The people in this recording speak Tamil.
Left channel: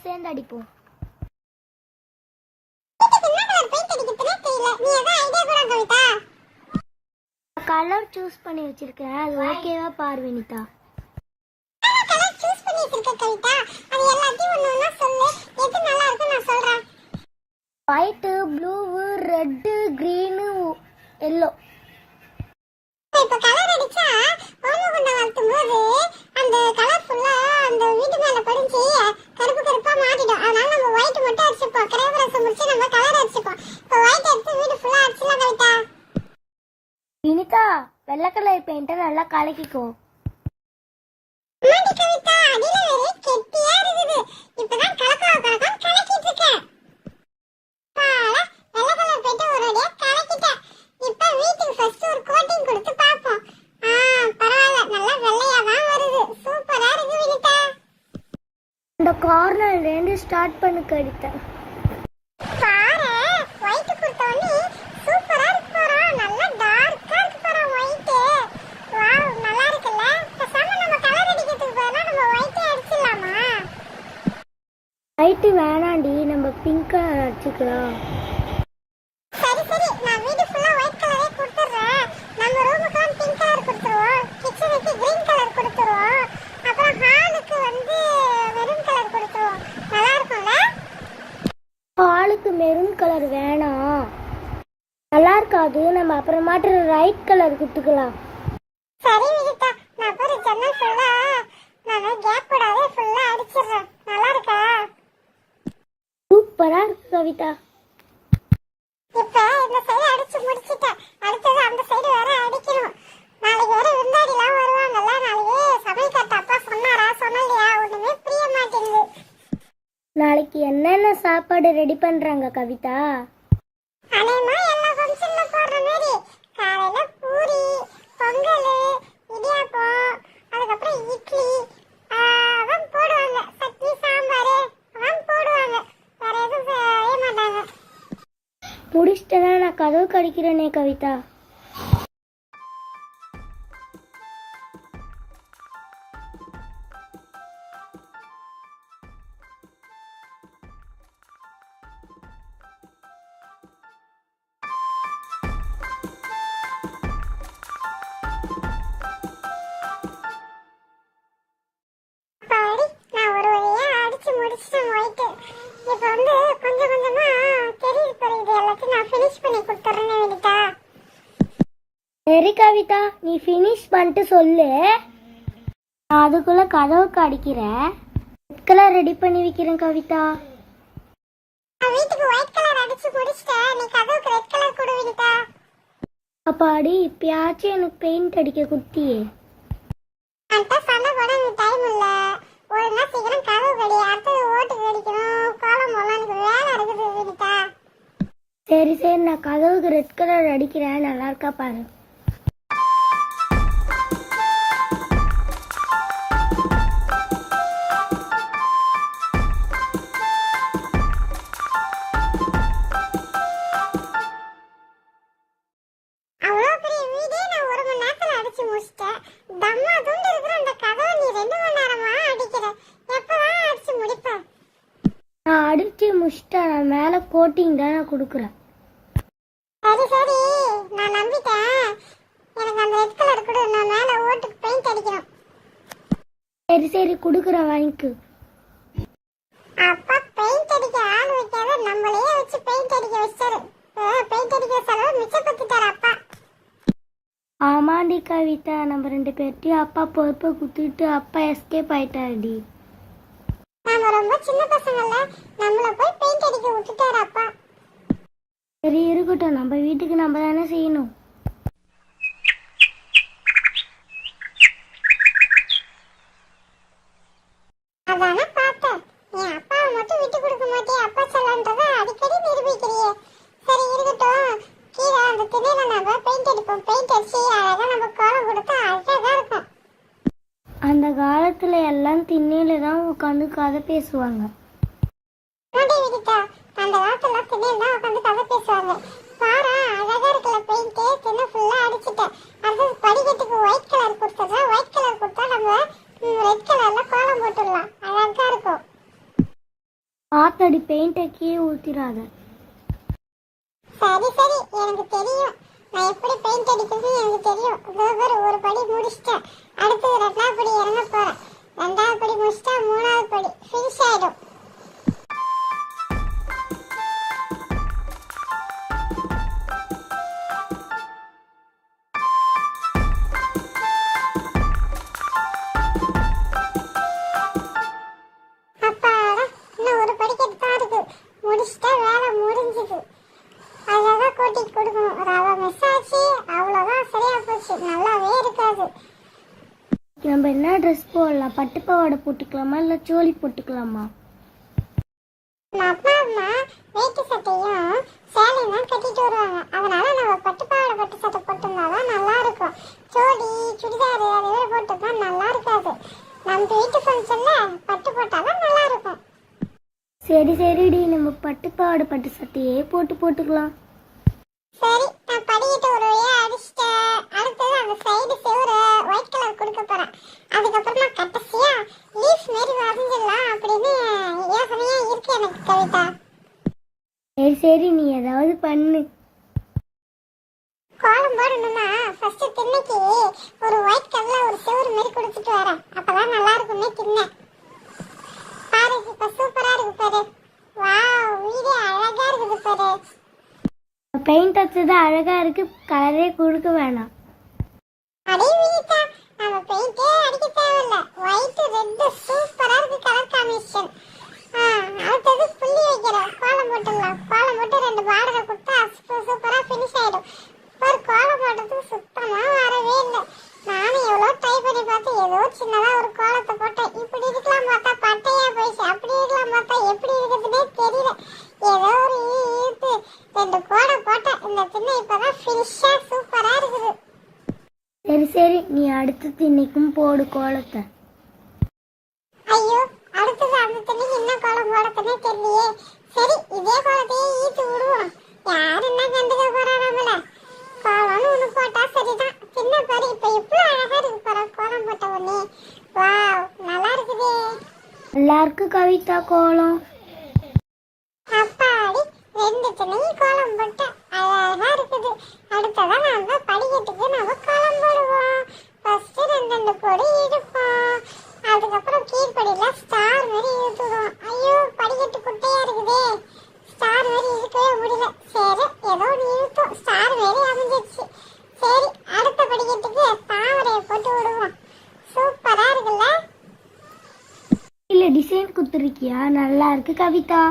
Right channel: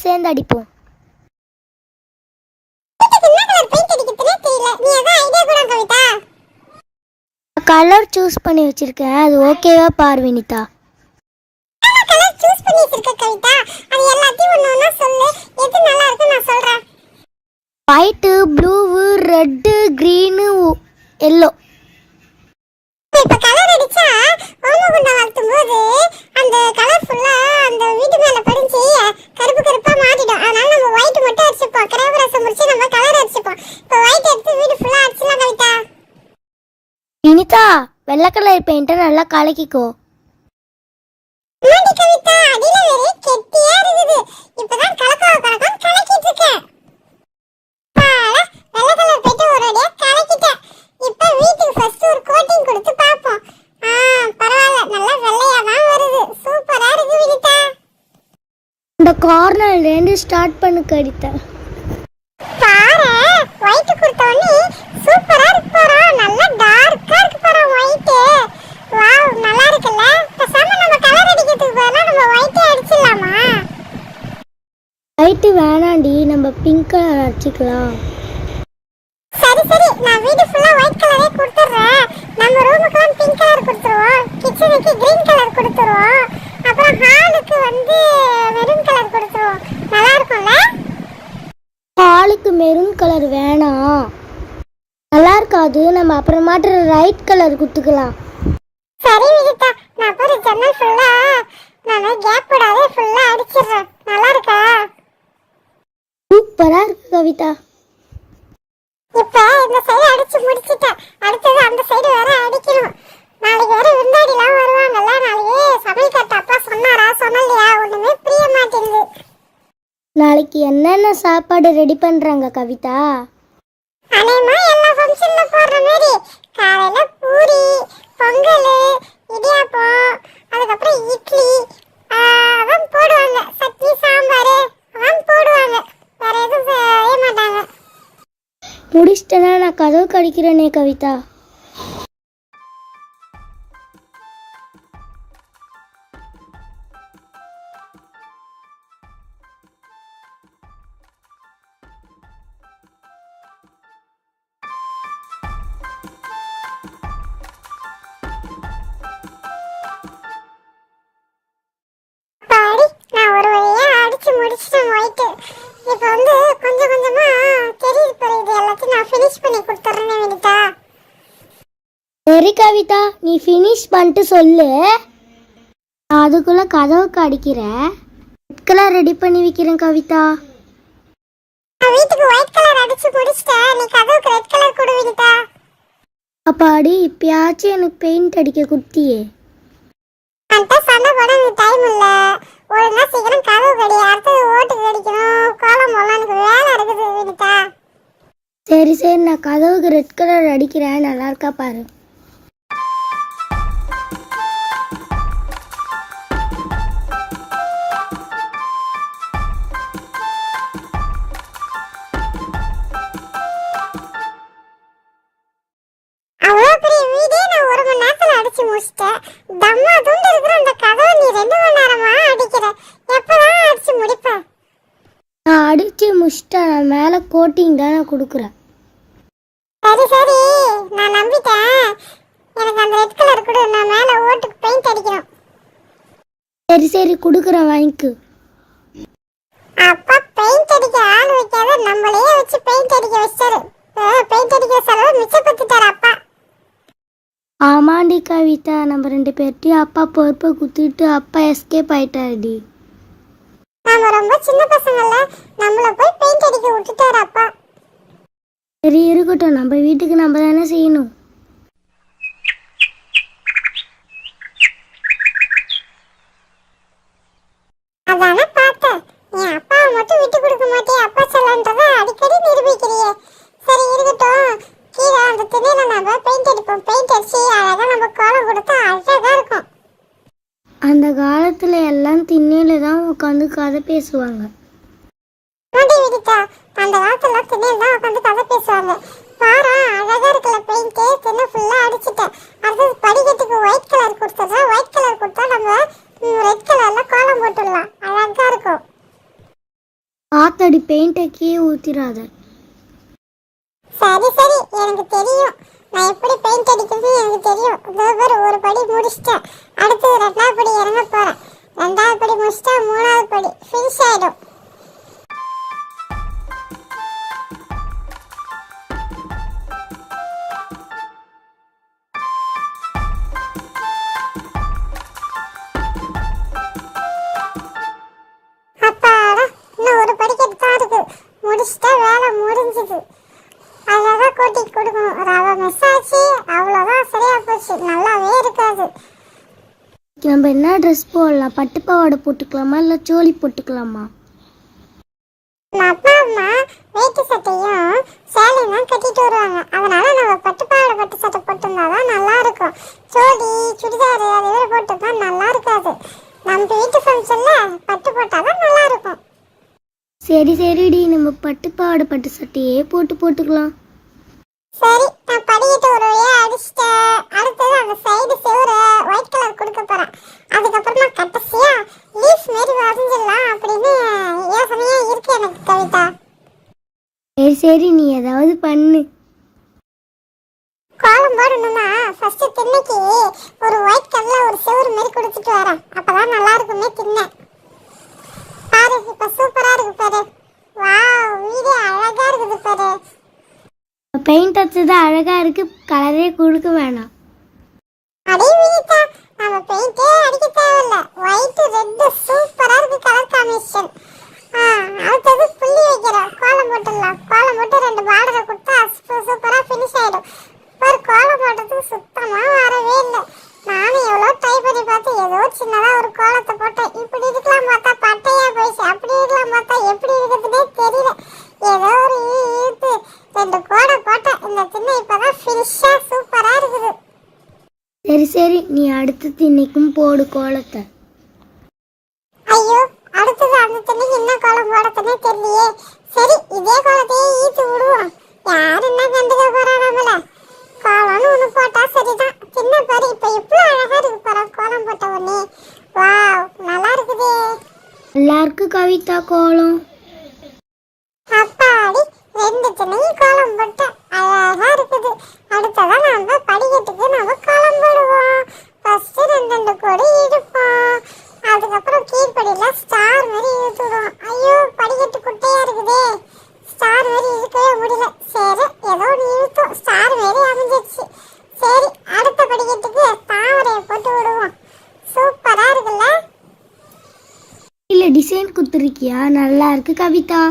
பேரும் சேர்ந்து அடிப்போம். கலர் சூஸ் பண்ணி வச்சிருக்கேன், அது ஓகேவா பாரு Vinitha? White, blue, red, green, yellow. இப்ப கலர் அடிச்சா ஓமகுண்டம் வளர்த்தும் போது அந்த கலர் ஃபுல்லா அந்த வீட்டு மேல படிஞ்சு கருப்பு கருப்பா மாறிடும். அதனால நம்ம ஒயிட் மட்டும் அடிச்சுப்போம். கிரேவரசம் முடிச்சு நம்ம கலர் அடிச்சுப்போம். இப்ப ஒயிட் எடுத்து வீடு ஃபுல்லா அடிச்சலாம் கவிதா. வினிதா, வெள்ளை கலர் பெயிண்ட நல்லா கலக்கிக்கோ. மாடி கவிதா, அடியில வேற கெட்டியா இருக்குது. இப்பதான் கலக்கிட்டு இருக்கேன். பால வெள்ளை கலர் பெயிண்ட் ஒரு அடியா கலக்கிட்டேன். இப்ப வீட்டுக்கு ஃபர்ஸ்ட் ஒரு கோட்டிங் கொடுத்து பாப்போம். பரவாயில்ல, நல்லா வெள்ளையா தான் வருது. சூப்பரா இருக்கு வினிதா. இந்த கார்னர்ல இருந்து ஸ்டார்ட் பண்ணு கவிதா. பாரு, ஒயிட் கொடுத்தோனே சூப்பரா இருக்கு பாரு. நல்லா டார்க்கா இருக்கு பாரு ஒயிட். வாவ், நல்லா இருக்குல்ல? பேசாம நம்ம கலர் அடிக்கிறதுக்கு பதிலா நம்ம ஒயிட்டே அடிச்சிடலாமா? ஒயிட் வேணாண்டி, நம்ம பிங்க் கலர் அடிச்சுக்கலாம். சரி சரி, நான் வீடு ஃபுல்லா ஒயிட் கலரே கொடுத்துறேன். நம்ம ரூமுக்குலாம் பிங்க் கலர் கொடுத்துருவோம். கிச்சனுக்கு கிரீன் கலர் கொடுத்துருவோம். அப்புறம் ஹாலுக்கு வந்து மெரூன் கலர் கொடுத்துருவோம். நல்லா இருக்கும்ல? ஹாலுக்கு மெரூன் கலர் வேணாம், நல்லா இருக்காது. நம்ம அப்புறமாட்டு ரைட் கலர் கொடுத்துக்கலாம். சரி விஜிதா, நான் ஒரு ஜன்னல் ஃபுல்லா நான் கேப் விடாதே ஃபுல்லா அடிச்சிடுறேன். நல்லா இருக்கா? சூப்பரா இருக்கு கவிதா. இப்ப இந்த சைடு அடிச்சு முடிச்சிட்டேன். அடுத்தது அந்த சைடு வேற அடிக்கணும். நாளைக்கு வேற விருந்தாடிலாம் வருவாங்கல்ல. நாளைக்கு சமையல் கட்ட அப்பா சொன்னாரா சொன்னலையா? ஒண்ணுமே புரிய மாட்டேங்குது. நாளைக்கு என்னென்ன சாப்பாடு ரெடி பண்றாங்க கவிதா? அநேகமா எல்லா ஃபங்க்ஷன்ல போடுற மாதிரி காலையில பூரி, பொங்கல், இடியாப்பம், அதுக்கப்புறம் இட்லி அதான் போடுவாங்க. சட்னி, சாம்பார் அதான் போடுவாங்க. வேற எதுவும் செய்ய மாட்டாங்க. முடிச்சிட்டேன்னா நான் கதவு கடிக்கிறேனே கவிதா. பாடி, நான் ஒரு வழியா அடிச்சு முடிச்சிட்டேன் ஒயிட். இப்போ வந்து கொஞ்சம் கொஞ்சமா தெரியுது பாரு. இது எல்லாத்தையும் நான் ஃபினிஷ் பண்ணி கொடுத்துறேன் வினிதா. சரி கவிதா, நீ ஃபினிஷ் பண்ணிட்டு சொல்லு. நான் அதுக்குள்ள கதவுக்கு அடிக்கிறேன். ரெட் கலர் ரெடி பண்ணி வைக்கிறேன் கவிதா. நான் வீட்டுக்கு ஒயிட் கலர் அடிச்சு முடிச்சிட்டேன். நீ கதவுக்கு ரெட் கலர் கொடு வினிதா. அப்பாடி, இப்பயாச்சும் எனக்கு பெயிண்ட் அடிக்க குத்தியே. அந்த சண்டை போட எனக்கு டைம் இல்ல. ஒழுங்கா சீக்கிரம் கதவு கடி. அடுத்தது ஓட்டுக்கு அடிக்கணும். கோலம் போடலாம். எனக்கு வேலை இருக்குது வினிதா. சரி சரி, நான் கதவுக்கு ரெட் கலர் அடிக்கிறேன். நல்லா இருக்கா பாரு. அவ்வளோ பெரிய வீடே நான் 1 மணி நேரத்துல அடிச்சு முடிச்சிட்டேன். தம்மா துண்டு இருக்கிற அந்த கதவை நீ 2 மணி நேரமா அடிக்கிற. எப்பதான் அடிச்சு முடிப்ப? நான் அடிச்சு முடிச்சிட்டேன். நான் மேலே கோட்டிங் தான் நான் கொடுக்குறேன். சரி சரி, நான் நம்பிட்டேன். எனக்கு அந்த ரெட் கலர் கொடு. நான் மேல ஓட்டுக்கு பெயிண்ட் அடிக்கணும். சரி சரி, கொடுக்குறேன், வாங்கிக்கு. அப்பா பெயிண்ட் அடிக்க ஆள் வைக்காத நம்மளே வச்சு பெயிண்ட் அடிக்க வச்சாரு. பெயிண்ட் அடிக்க செலவு மிச்சப்படுத்திட்டாரு அப்பா. ஆமாண்டி கவிதா, நம்ம 2 பேர்ட்டையும் அப்பா பொறுப்பை குத்துட்டு அப்பா எஸ்கேப் ஆயிட்டாருடி. நாம ரொம்ப சின்ன பசங்கள்ல, நம்மள போய் பெயிண்ட் அடிக்க விட்டுட்டாரு அப்பா. சரி இருக்கட்டும், நம்ம வீட்டுக்கு நம்ம தானே செய்யணும். அதானே பார்த்தேன். நீ அப்பாவை மட்டும் விட்டு கொடுக்க மாட்டியே. அப்பா செல்லன்றதை அடிக்கடி நிரூபிக்கிறியே. சரி இருக்கட்டும், கீழே அந்த திணையில நம்ம பெயிண்ட் அடிப்போம். பெயிண்ட் அடிச்சு அழகா நம்ம கோலம் கொடுத்தா அழகா இருக்கும். அந்த காலத்துல எல்லாம் திண்ணையில தான் உட்காந்து கதை பேசுவாங்க. மாடி விதித்தா, அந்த காலத்துல திண்ணையில தான் உட்காந்து கதை பேசுவாங்க. பாரா, அழகா இருக்குல்ல பெயிண்ட். திண்ணை ஃபுல்லா அடிச்சுட்டேன். அடுத்தது படிக்கட்டுக்கு ஒயிட் கலர் கொடுத்துட்றேன். ஒயிட் கலர் கொடுத்தா நம்ம ரெட் கலர்ல கோலம் போட்டுடலாம். அழகா இருக்கும். ஊத்திராத. சரி சரி, எனக்கு தெரியும். நான் எப்படி பெயிண்ட் அடிக்கிறது எனக்கு தெரியும். இதோ ஒரு படி முடிச்சிட்டேன். அடுத்தது ரெண்டாவது படி இறங்க போறேன். ரெண்டாவது படி முடிச்சிட்டா மூணாவது படி ஃபினிஷ் ஆயிடும். அப்பாடா, இன்னும் ஒரு படிக்கட்டு தான் இருக்கு. முடிச்சிட்டா வேலை முடிஞ்சுது. அழகாக கோட்டி கொடுக்கணும். ரவை மிஸ் ஆச்சு, அவ்வளோதான், சரியா போச்சு. நல்லாவே இருக்காது. நம்ம என்ன ட்ரெஸ் போடலாம்? பட்டு பாவாடை போட்டுக்கலாமா இல்லை சோழி போட்டுக்கலாமா? நம்ம அப்பா அம்மா வேட்டி சட்டையும் சேலையும் தான் கட்டிட்டு வருவாங்க. அதனால நம்ம பட்டு பாவாடை பட்டு சட்டை போட்டிருந்தாதான் நல்லா இருக்கும். சோடி சுடிதாரு அது வேறு போட்டுருந்தா நல்லா இருக்காது. நம்ம வீட்டு ஃபங்க்ஷன்ல பட்டு போட்டாதான் நல்லா இருக்கும். சரி சரிடி, நம்ம பட்டு பாவாடை பட்டு சட்டையே போட்டுக்கலாம். சரி, நான் படிக்கிட்டு ஒரு வழியா அடிச்சிட்டேன். அடுத்தது அந்த சைடு செவரை ஒயிட் கலர் கொடுக்க போறேன். அதுக்கப்புறமா கடைசியா லீஃப் மாரி வரைஞ்சிடலாம் அப்படின்னு யோசனையா இருக்கு எனக்கு கவிதா. சரி சரி, நீ ஏதாவது பண்ணு. கோலம் போடணும்னா ஃபர்ஸ்ட் திண்ணைக்கு ஒரு ஒயிட் கலர்ல ஒரு செவரு மாரி கொடுத்துட்டு வரேன். அப்பதான் நல்லா இருக்குமே திண்ணை. பாரு, இப்ப சூப்பரா இருக்கு பாரு. வாவ், வீடே அழகா இருக்குது பாரு. பெயிண்ட் அடிச்சது அழகா இருக்கு, கலரே கொடுக்க வேணாம். அடே வினிதா, நம்ம பெயிண்டே அடிக்க தேவையில்ல. ஒயிட் ரெட் சூப்பரா இருக்கு கலர் காம்பினேஷன். அடுத்தது புள்ளி வைக்கிறோம். கோலம் போட்டுடலாம். கோலம் போட்டு ரெண்டு பார்டரை கொடுத்தா சூப்பரா ஃபினிஷ் ஆயிடும். ஒரு கோலம் போட்டதுக்கு சுத்தமா வரவே இல்லை. நானும் எவ்வளோ ட்ரை பண்ணி பார்த்து ஏதோ சின்னதா ஒரு கோலத்தை போட்டேன். இப்படி இருக்கலாம் பார்த்தா பட்டையா போயிடுச்சு. அப்படி இருக்கலாம் பார்த்தா எப்படி இருக்குதுன்னே தெரியல. ஏதோ ஒரு இழுத்து ரெண்டு கோடை போட்டேன். இந்த திண்ணை இப்பதான் ஃபினிஷா சூப்பரா இருக்குது. சரி சரி, நீ அடுத்த திண்ணைக்கும் போடு கோலத்தை. ஐயோ, அடுத்தது அந்த திண்ணைக்கு என்ன கோலம் போடத்துனே தெரியலையே. சரி, இதே கோலத்தையே ஈத்து விடுவோம். யார் என்ன கண்டுக்க போறா நம்மள? கோலம்னு ஒண்ணு போட்டா சரிதான். சின்ன பாரு, இப்ப இவ்வளவு அழகா இருக்கு பாரு கோலம் போட்ட உடனே. வாவ், நல்லா இருக்குதே. எல்லாருக்கும் கவிதா கோலம். அப்பாடி, ரெண்டு திண்ணையும் கோலம் போட்ட அழகா இருக்குது. அடுத்ததான் நம்ம படிக்கட்டுக்கு நம்ம கோலம் போடுவோம். ஃபர்ஸ்ட் ரெண்டு கோடி இழுப்போம். அதுக்கப்புறம் கீழ்படியில ஸ்டார் மாதிரி இழுத்துடுவோம். ஐயோ, படிக்கட்டு குட்டையா இருக்குதே, ஸ்டார் மாதிரி இழுக்கவே முடியல. சரி, ஏதோ ஒன்று இழுத்தோம், ஸ்டார் மாதிரி அமைஞ்சிருச்சு. சரி, அடுத்த படிக்கட்டுக்கு தாமரையை போட்டு விடுவோம். சூப்பரா இருக்குல்ல? இல்ல டிசைன் கொடுத்துருக்கியா? நல்லா இருக்கு கவிதா.